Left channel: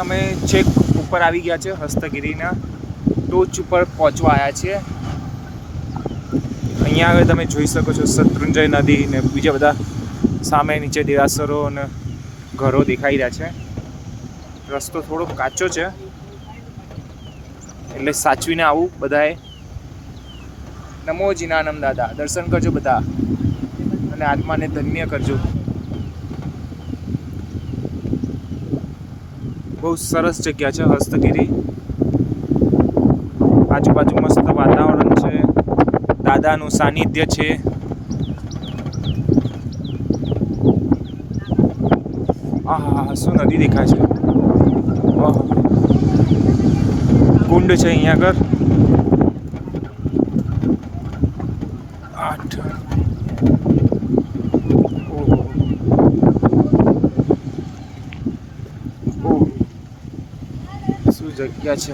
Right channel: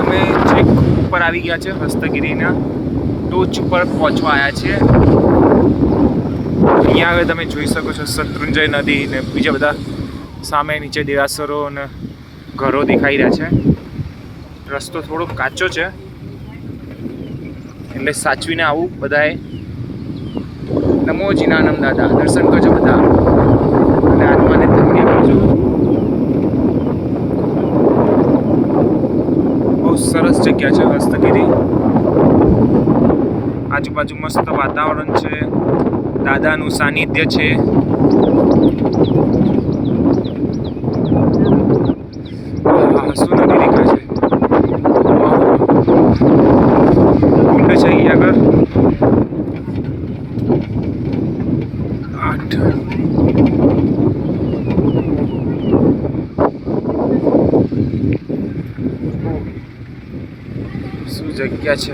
અમે છેક ઉપર આવી ગયા છે, હસ્તગીરીના ટોચ ઉપર પહોંચવા આવ્યા છીએ. અહીંયા હવે તમે જોઈ શકો છો શત્રુંજય નદી ને બીજા બધા સામે નીચે દેરાસરો અને ઘરો દેખાઈ રહ્યા છે. રસ્તો થોડો કાચો છે એટલે સાચવીને આવું બધાએ. નમો જીનાનંદ દાદા, દર્શન કરજો બધા અને આત્માને ધન્ય કરજો. બહુ સરસ જગ્યા છે હસ્તગીરી. આજુબાજુ મસ્ત વાતાવરણ છે, દાદાનું સાનિધ્ય છે. શું નદી દેખાય છે, કુંડ છે અહીંયા આગળ. 8 શું જગ્યા છે.